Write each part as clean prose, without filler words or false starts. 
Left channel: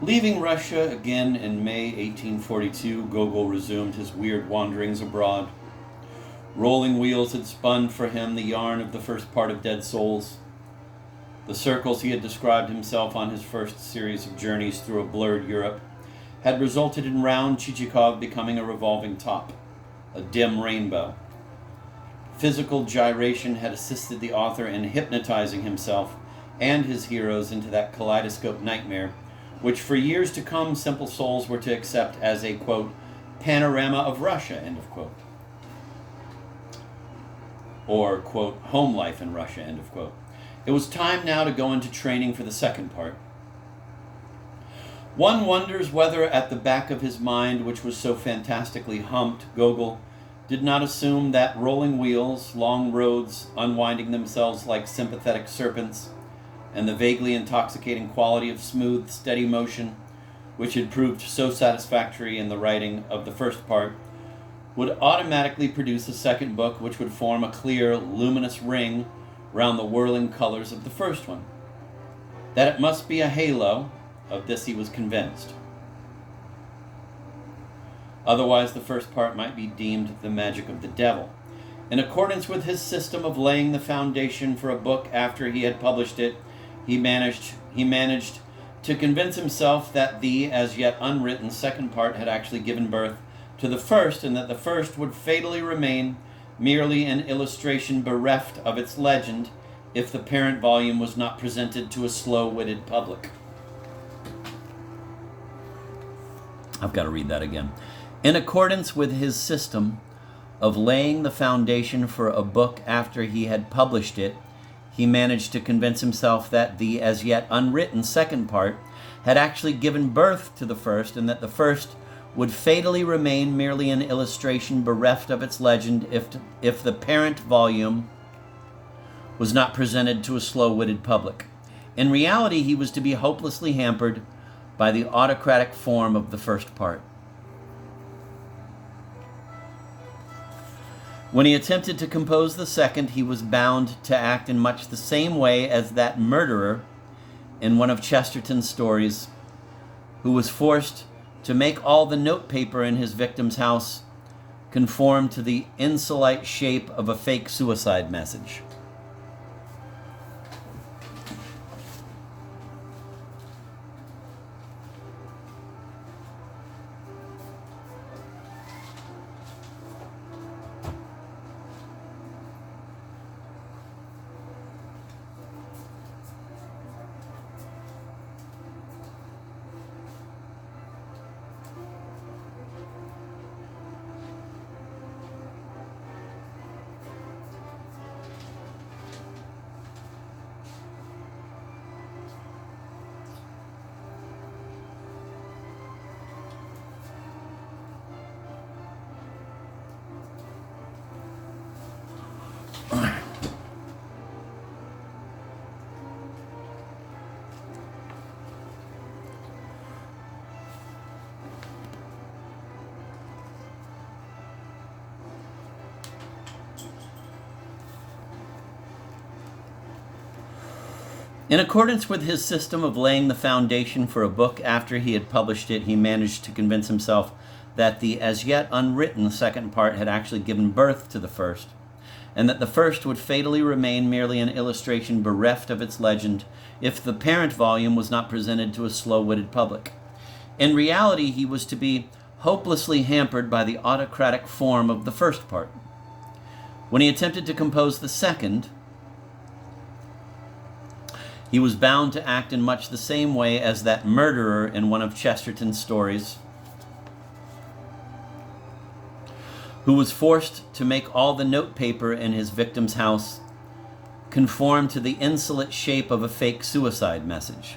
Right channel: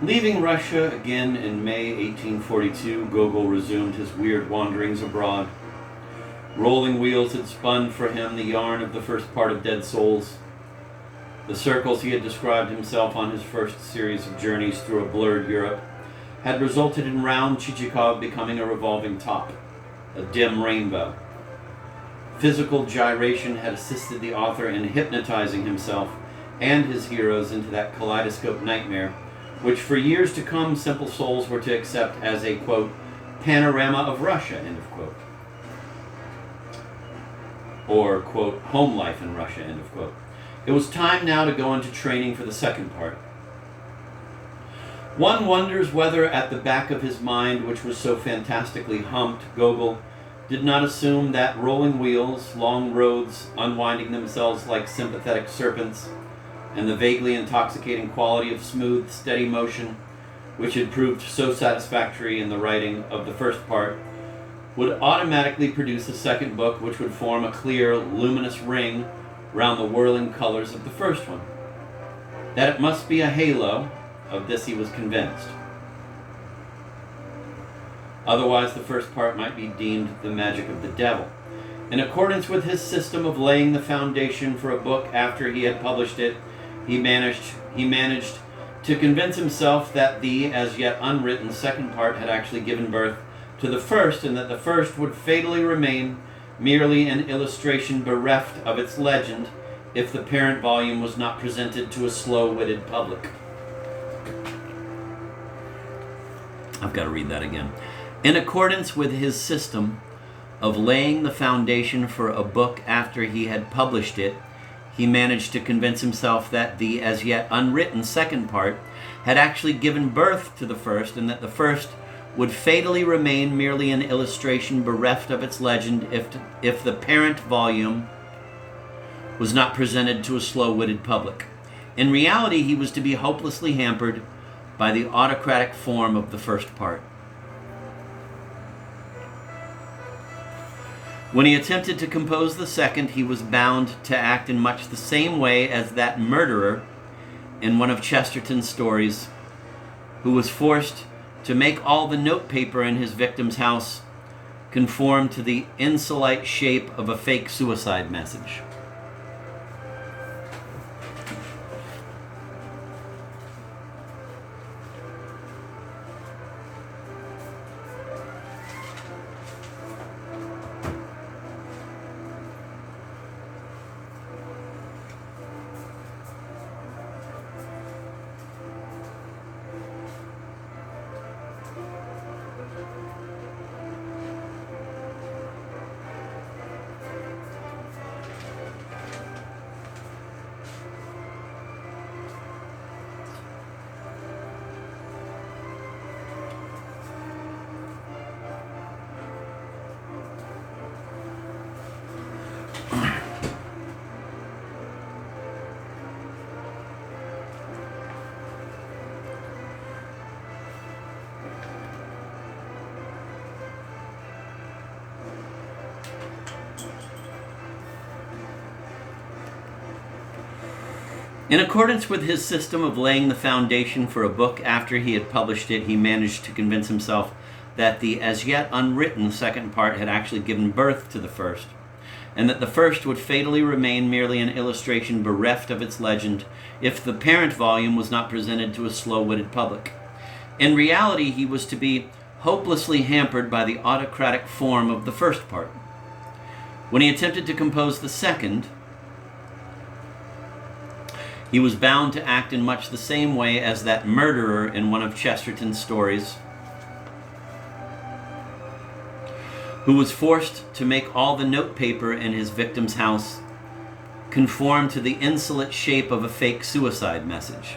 Leaving Russia again in May 1842, Gogol resumed his weird wanderings abroad. Rolling Wheels had spun for him the yarn of the first part of Dead Souls. The circles he had described himself on his first series of journeys through a blurred Europe had resulted in round Chichikov becoming a revolving top, a dim rainbow. Physical gyration had assisted the author in hypnotizing himself and his heroes into that kaleidoscope nightmare, which for years to come simple souls were to accept as a, quote, panorama of Russia, end of quote. Or, quote, home life in Russia, end of quote. It was time now to go into training for the second part. One wonders whether at the back of his mind, which was so fantastically humped, Gogol did not assume that rolling wheels, long roads unwinding themselves like sympathetic serpents, and the vaguely intoxicating quality of smooth, steady motion, which had proved so satisfactory in the writing of the first part, would automatically produce a second book which would form a clear, luminous ring round the whirling colors of the first one. That it must be a halo, of this he was convinced. Otherwise, the first part might be deemed the magic of the devil. In accordance with his system of laying the foundation for a book after he had published it, he managed to convince himself that the as yet unwritten second part had actually given birth to the first, and that the first would fatally remain merely an illustration bereft of its legend if the parent volume was not presented to a slow-witted public. I've got to read that again. In accordance with his system of laying the foundation for a book after he had published it, he managed to convince himself that the as yet unwritten second part had actually given birth to the first, and that the first would fatally remain merely an illustration bereft of its legend if the parent volume was not presented to a slow-witted public. In reality, he was to be hopelessly hampered by the autocratic form of the first part. When he attempted to compose the second, he was bound to act in much the same way as that murderer in one of Chesterton's stories, who was forced to make all the notepaper in his victim's house conform to the insolite shape of a fake suicide message. In accordance with his system of laying the foundation for a book after he had published it, he managed to convince himself that the as yet unwritten second part had actually given birth to the first, and that the first would fatally remain merely an illustration bereft of its legend if the parent volume was not presented to a slow-witted public. In reality, he was to be hopelessly hampered by the autocratic form of the first part. When he attempted to compose the second, he was bound to act in much the same way as that murderer in one of Chesterton's stories, who was forced to make all the notepaper in his victim's house conform to the insolent shape of a fake suicide message.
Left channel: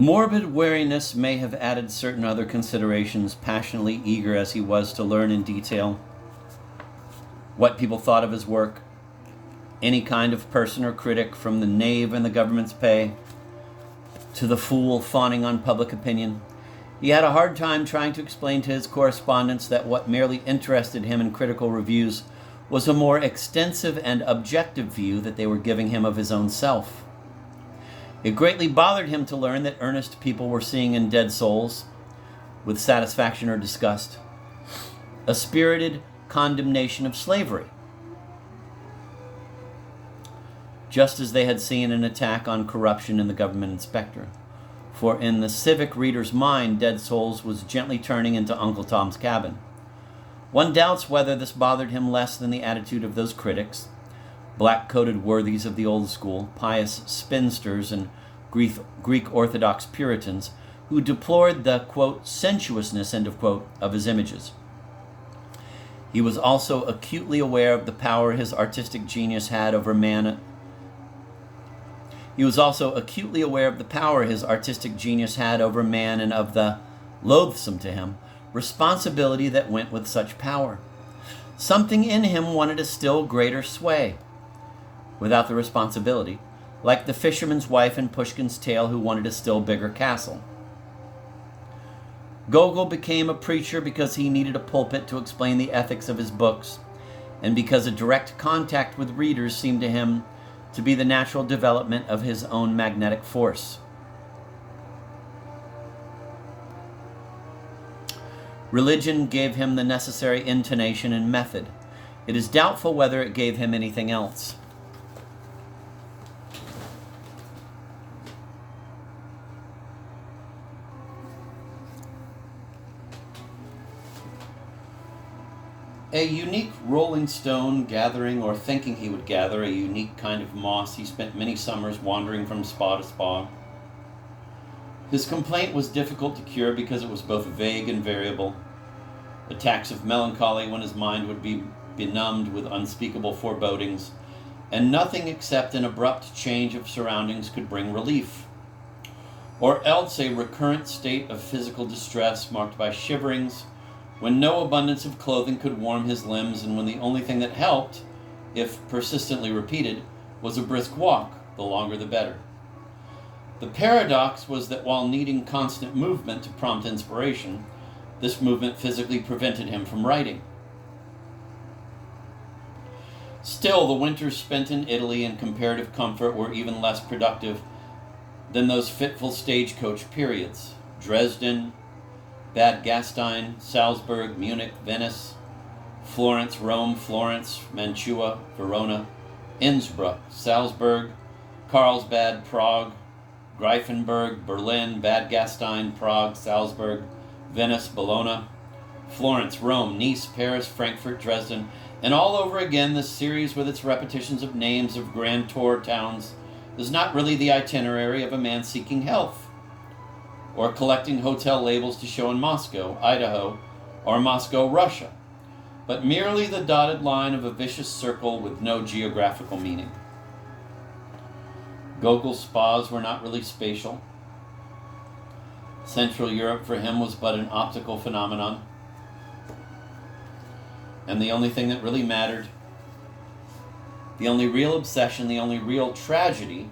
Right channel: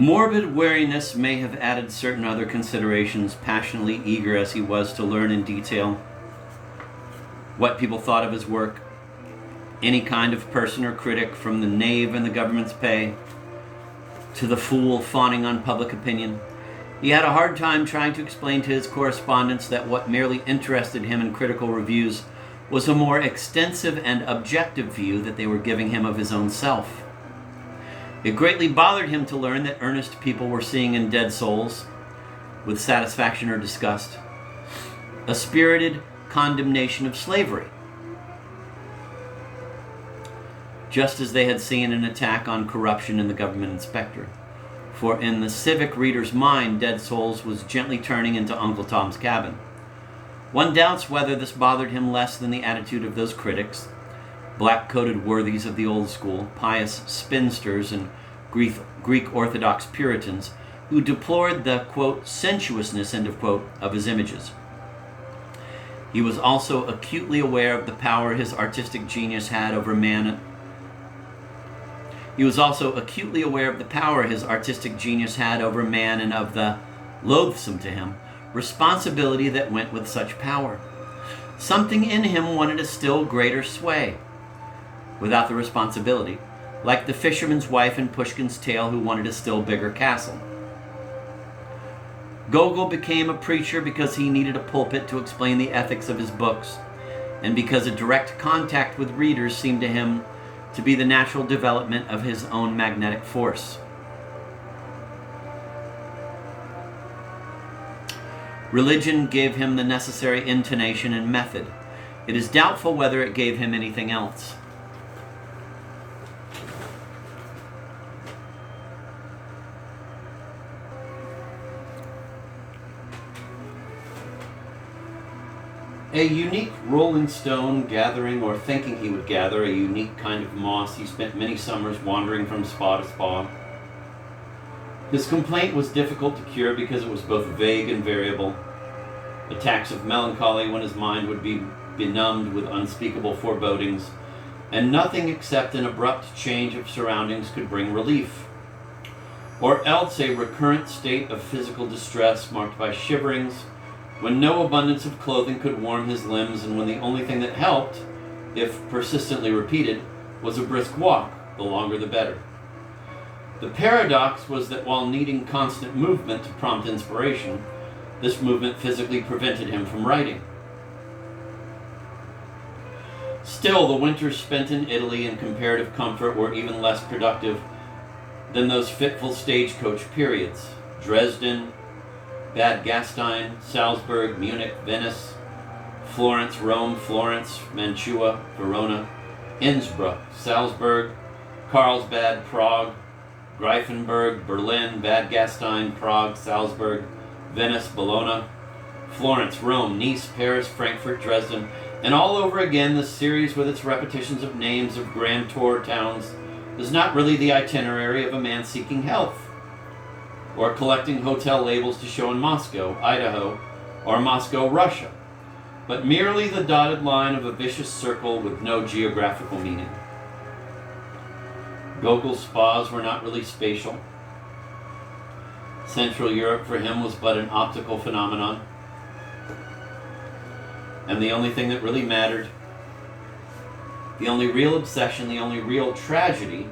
Morbid wariness may have added certain other considerations, passionately eager as he was to learn in detail what people thought of his work. Any kind of person or critic, from the knave in the government's pay to the fool fawning on public opinion. He had a hard time trying to explain to his correspondents that what merely interested him in critical reviews was a more extensive and objective view that they were giving him of his own self. It greatly bothered him to learn that earnest people were seeing in Dead Souls, with satisfaction or disgust, a spirited condemnation of slavery, just as they had seen an attack on corruption in the government inspector. For in the civic reader's mind, Dead Souls was gently turning into Uncle Tom's Cabin. One doubts whether this bothered him less than the attitude of those critics, black-coated worthies of the old school, pious spinsters and Greek Orthodox Puritans, who deplored the, quote, sensuousness, end of quote, of his images. He was also acutely aware of the power his artistic genius had over man. He was also acutely aware of the power his artistic genius had over man and of the, loathsome to him, responsibility that went with such power. Something in him wanted a still greater sway without the responsibility, like the fisherman's wife in Pushkin's tale who wanted a still bigger castle. Gogol became a preacher because he needed a pulpit to explain the ethics of his books, and because a direct contact with readers seemed to him to be the natural development of his own magnetic force. Religion gave him the necessary intonation and method. It is doubtful whether it gave him anything else. A unique rolling stone gathering or thinking he would gather, a unique kind of moss, he spent many summers wandering from spa to spa. His complaint was difficult to cure because it was both vague and variable. Attacks of melancholy when his mind would be benumbed with unspeakable forebodings, and nothing except an abrupt change of surroundings could bring relief. Or else a recurrent state of physical distress marked by shiverings, when no abundance of clothing could warm his limbs, and when the only thing that helped, if persistently repeated, was a brisk walk, the longer the better. The paradox was that while needing constant movement to prompt inspiration, this movement physically prevented him from writing. Still, the winters spent in Italy in comparative comfort were even less productive than those fitful stagecoach periods. Dresden, Bad Gastein, Salzburg, Munich, Venice, Florence, Rome, Florence, Mantua, Verona, Innsbruck, Salzburg, Carlsbad, Prague, Greifenberg, Berlin, Bad Gastein, Prague, Salzburg, Venice, Bologna, Florence, Rome, Nice, Paris, Frankfurt, Dresden, and all over again. This series with its repetitions of names of grand tour towns is not really the itinerary of a man seeking health, or collecting hotel labels to show in Moscow, Idaho, or Moscow, Russia, but merely the dotted line of a vicious circle with no geographical meaning. Gogol's spas were not really spatial. Central Europe for him was but an optical phenomenon, and the only thing that really mattered, the only real obsession, the only real tragedy,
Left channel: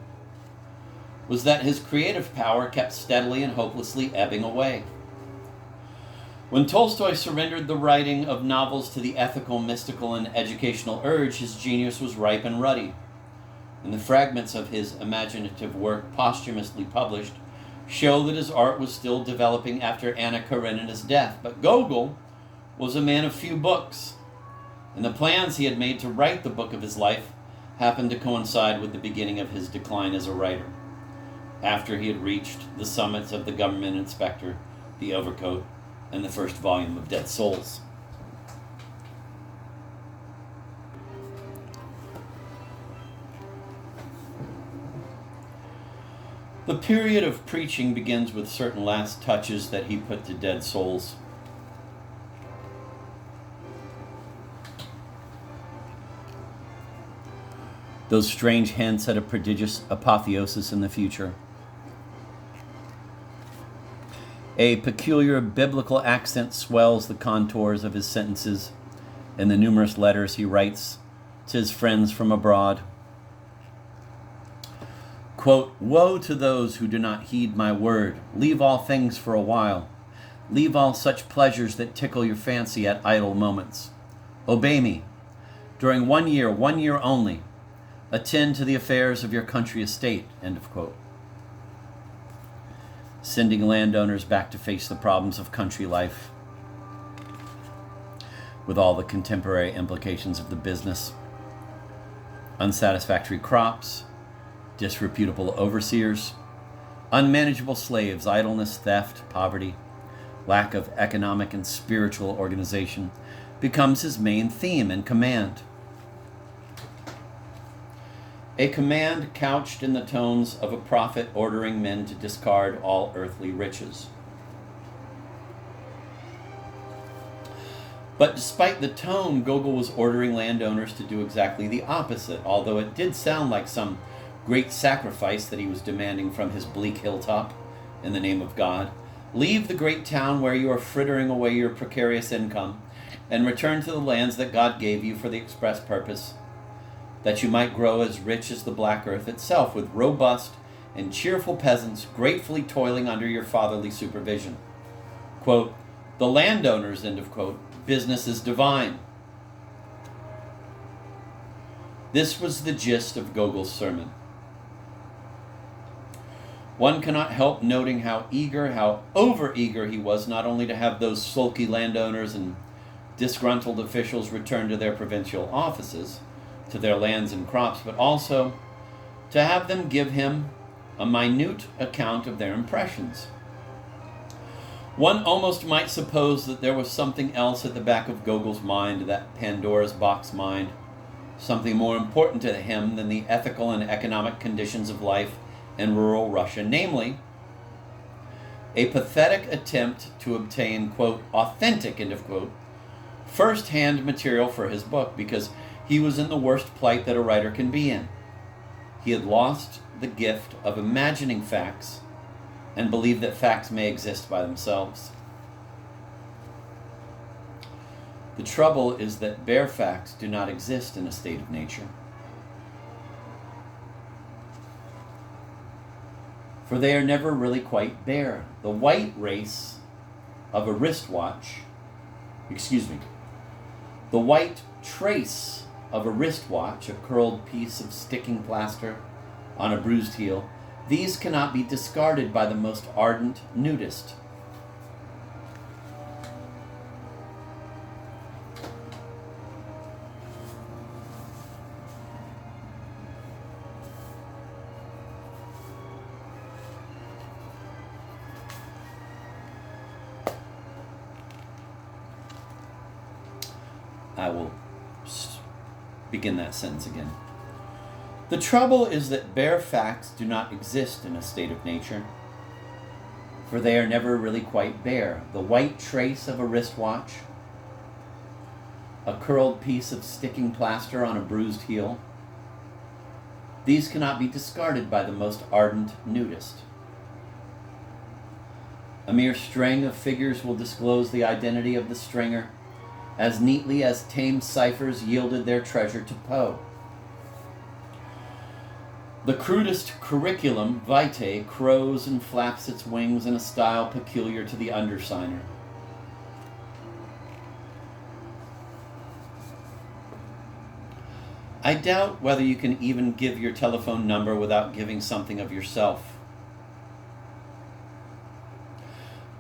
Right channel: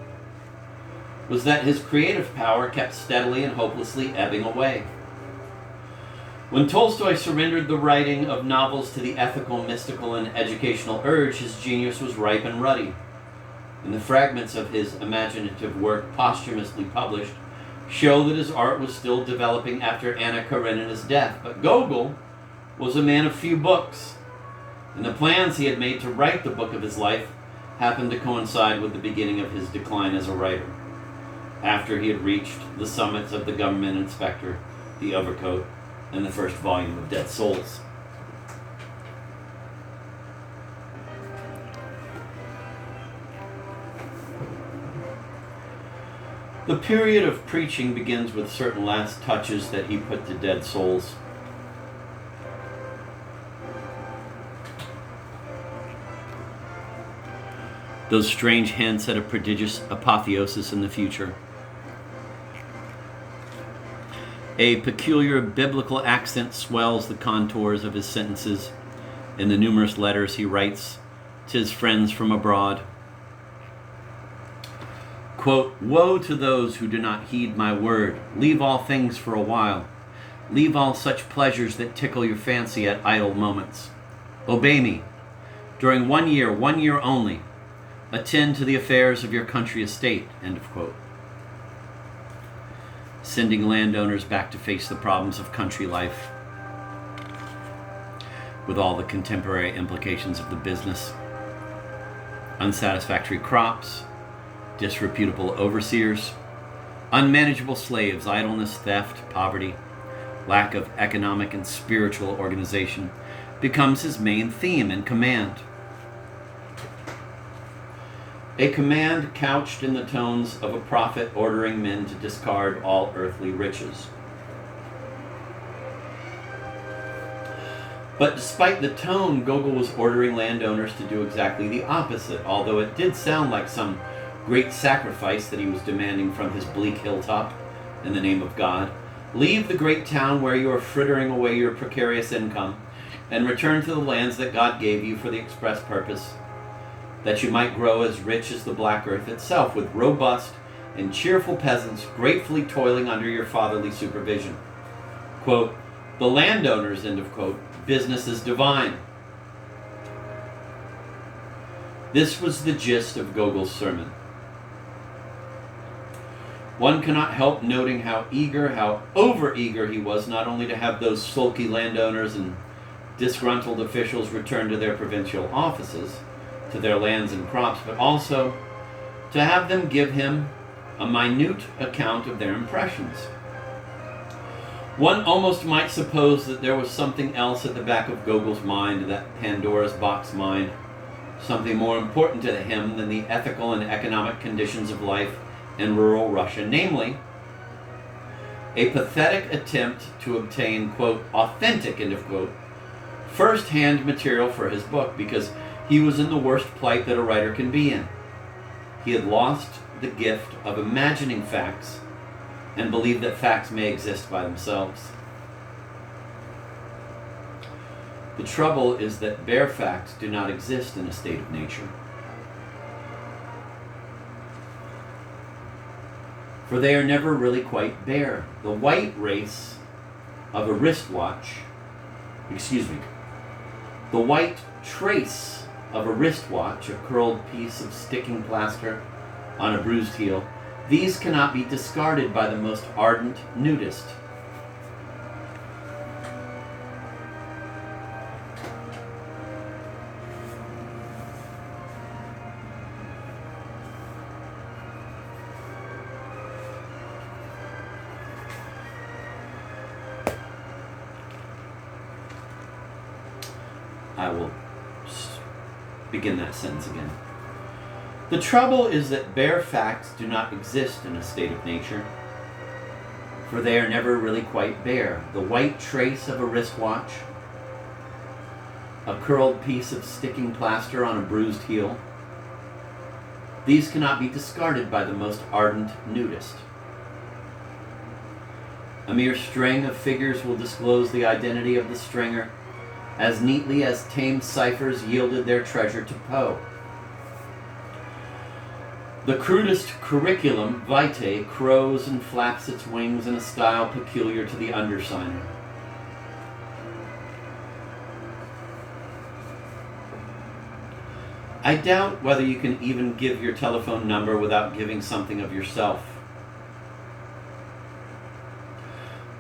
was that his creative power kept steadily and hopelessly ebbing away. When Tolstoy surrendered the writing of novels to the ethical, mystical, and educational urge, his genius was ripe and ruddy. And the fragments of his imaginative work posthumously published show that his art was still developing after Anna Karenina's death. But Gogol was a man of few books, and the plans he had made to write the book of his life happened to coincide with the beginning of his decline as a writer, after he had reached the summits of the government inspector, the overcoat, and the first volume of Dead Souls. The period of preaching begins with certain last touches that he put to Dead Souls. Those strange hints at a prodigious apotheosis in the future. A peculiar biblical accent swells the contours of his sentences in the numerous letters he writes to his friends from abroad. Quote, "Woe to those who do not heed my word. Leave all things for a while. Leave all such pleasures that tickle your fancy at idle moments. Obey me. During 1 year only, attend to the affairs of your country estate," end of quote. Sending landowners back to face the problems of country life with all the contemporary implications of the business. Unsatisfactory crops, disreputable overseers, unmanageable slaves, idleness, theft, poverty, lack of economic and spiritual organization becomes his main theme and command. A command couched in the tones of a prophet ordering men to discard all earthly riches. But despite the tone, Gogol was ordering landowners to do exactly the opposite, although it did sound like some great sacrifice that he was demanding from his bleak hilltop in the name of God. Leave the great town where you are frittering away your precarious income and return to the lands that God gave you for the express purpose that you might grow as rich as the black earth itself, with robust and cheerful peasants gratefully toiling under your fatherly supervision. Quote, "The landowners," end of quote, "business is divine." This was the gist of Gogol's sermon. One cannot help noting how over-eager he was not only to have those sulky landowners and disgruntled officials return to their provincial offices, to their lands and crops, but also to have them give him a minute account of their impressions. One almost might suppose that there was something else at the back of Gogol's mind, that Pandora's box mind, something more important to him than the ethical and economic conditions of life in rural Russia, namely, a pathetic attempt to obtain, quote, authentic, end of quote, first-hand material for his book, because he was in the worst plight that a writer can be in. He had lost the gift of imagining facts and believed that facts may exist by themselves. The trouble is that bare facts do not exist in a state of nature, for they are never really quite bare. The white trace of a wristwatch a curled piece of sticking plaster on a bruised heel, these cannot be discarded by the most ardent nudist. I will begin that sentence again. The trouble is that bare facts do not exist in a state of nature, for they are never really quite bare. The white trace of a wristwatch, a curled piece of sticking plaster on a bruised heel, these cannot be discarded by the most ardent nudist. A mere string of figures will disclose the identity of the stringer as neatly as tame ciphers yielded their treasure to Poe. The crudest curriculum vitae crows and flaps its wings in a style peculiar to the undersigner. I doubt whether you can even give your telephone number without giving something of yourself.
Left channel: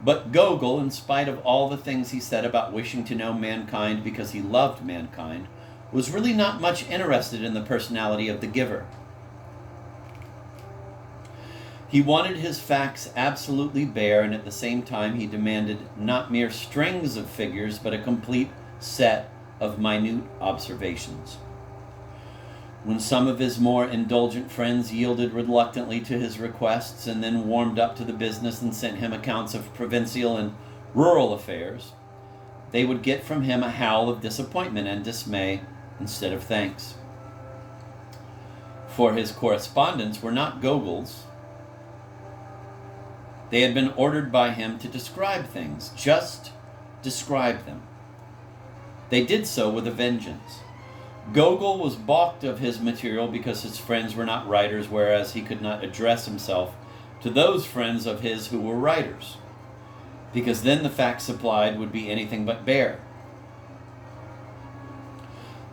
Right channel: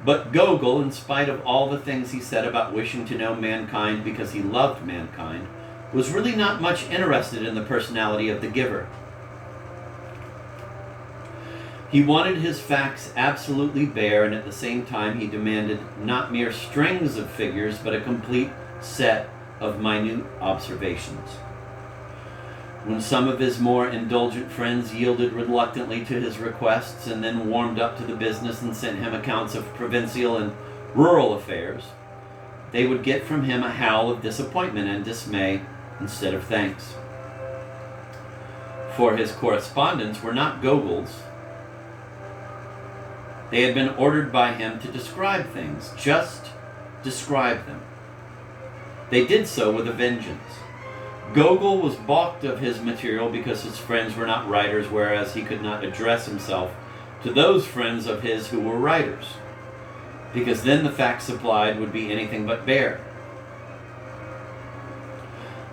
But Gogol, in spite of all the things he said about wishing to know mankind because he loved mankind, was really not much interested in the personality of the giver. He wanted his facts absolutely bare, and at the same time he demanded not mere strings of figures, but a complete set of minute observations. When some of his more indulgent friends yielded reluctantly to his requests and then warmed up to the business and sent him accounts of provincial and rural affairs, they would get from him a howl of disappointment and dismay instead of thanks. For his correspondence were not Gogol's, They had been ordered by him to describe things, just describe them. They did so with a vengeance. Gogol was balked of his material because his friends were not writers, whereas he could not address himself to those friends of his who were writers, because then the facts supplied would be anything but bare.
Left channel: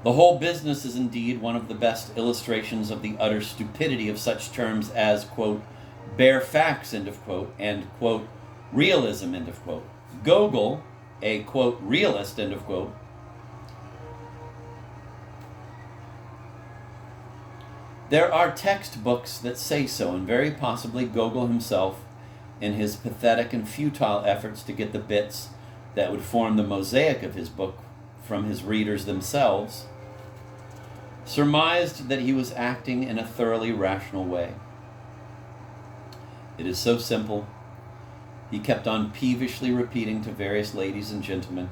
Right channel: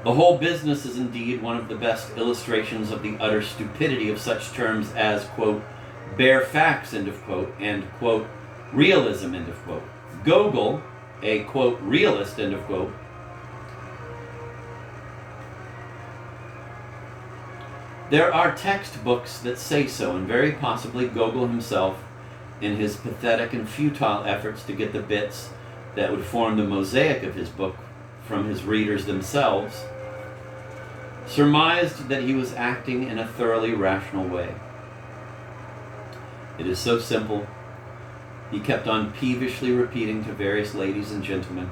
The whole business is indeed one of the best illustrations of the utter stupidity of such terms as, quote, bare facts, end of quote, and, quote, realism, end of quote. Gogol, a, quote, realist, end of quote, there are textbooks that say so, and very possibly Gogol himself, in his pathetic and futile efforts to get the bits that would form the mosaic of his book from his readers themselves, surmised that he was acting in a thoroughly rational way. It is so simple, he kept on peevishly repeating to various ladies and gentlemen,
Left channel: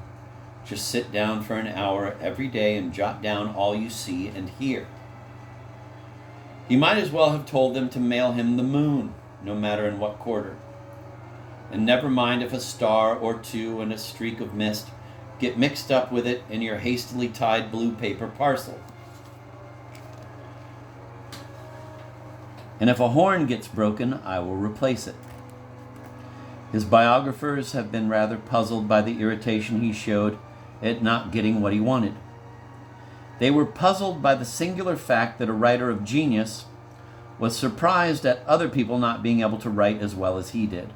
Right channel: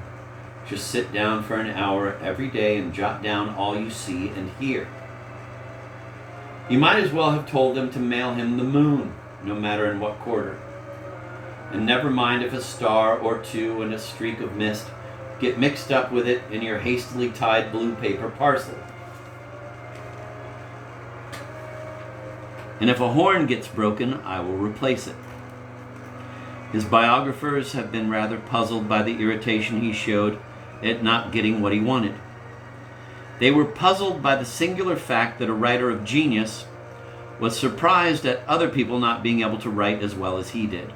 just sit down for an hour every day and jot down all you see and hear. He might as well have told them to mail him the moon, no matter in what quarter. And never mind if a star or two and a streak of mist get mixed up with it in your hastily tied blue paper parcel. And if a horn gets broken, I will replace it. His biographers have been rather puzzled by the irritation he showed at not getting what he wanted. They were puzzled by the singular fact that a writer of genius was surprised at other people not being able to write as well as he did.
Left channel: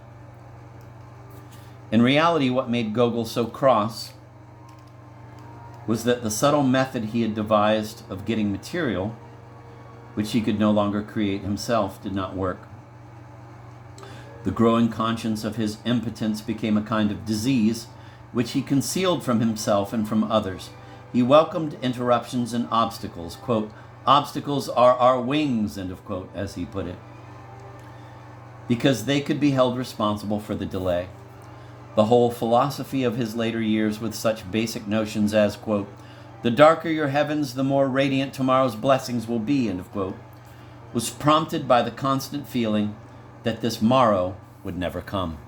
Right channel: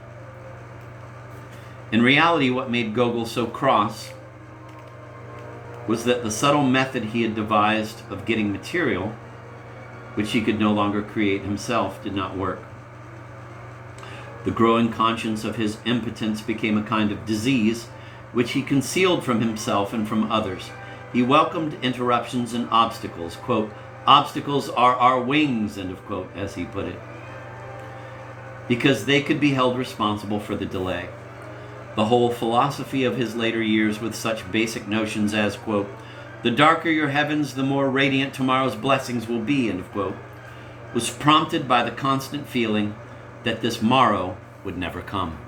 In reality, what made Gogol so cross was that the subtle method he had devised of getting material, which he could no longer create himself, did not work. The growing conscience of his impotence became a kind of disease, which he concealed from himself and from others. He welcomed interruptions and obstacles. Quote, obstacles are our wings, end of quote, as he put it, because they could be held responsible for the delay. The whole philosophy of his later years, with such basic notions as, quote, the darker your heavens, the more radiant tomorrow's blessings will be, end of quote, was prompted by the constant feeling that this morrow would never come.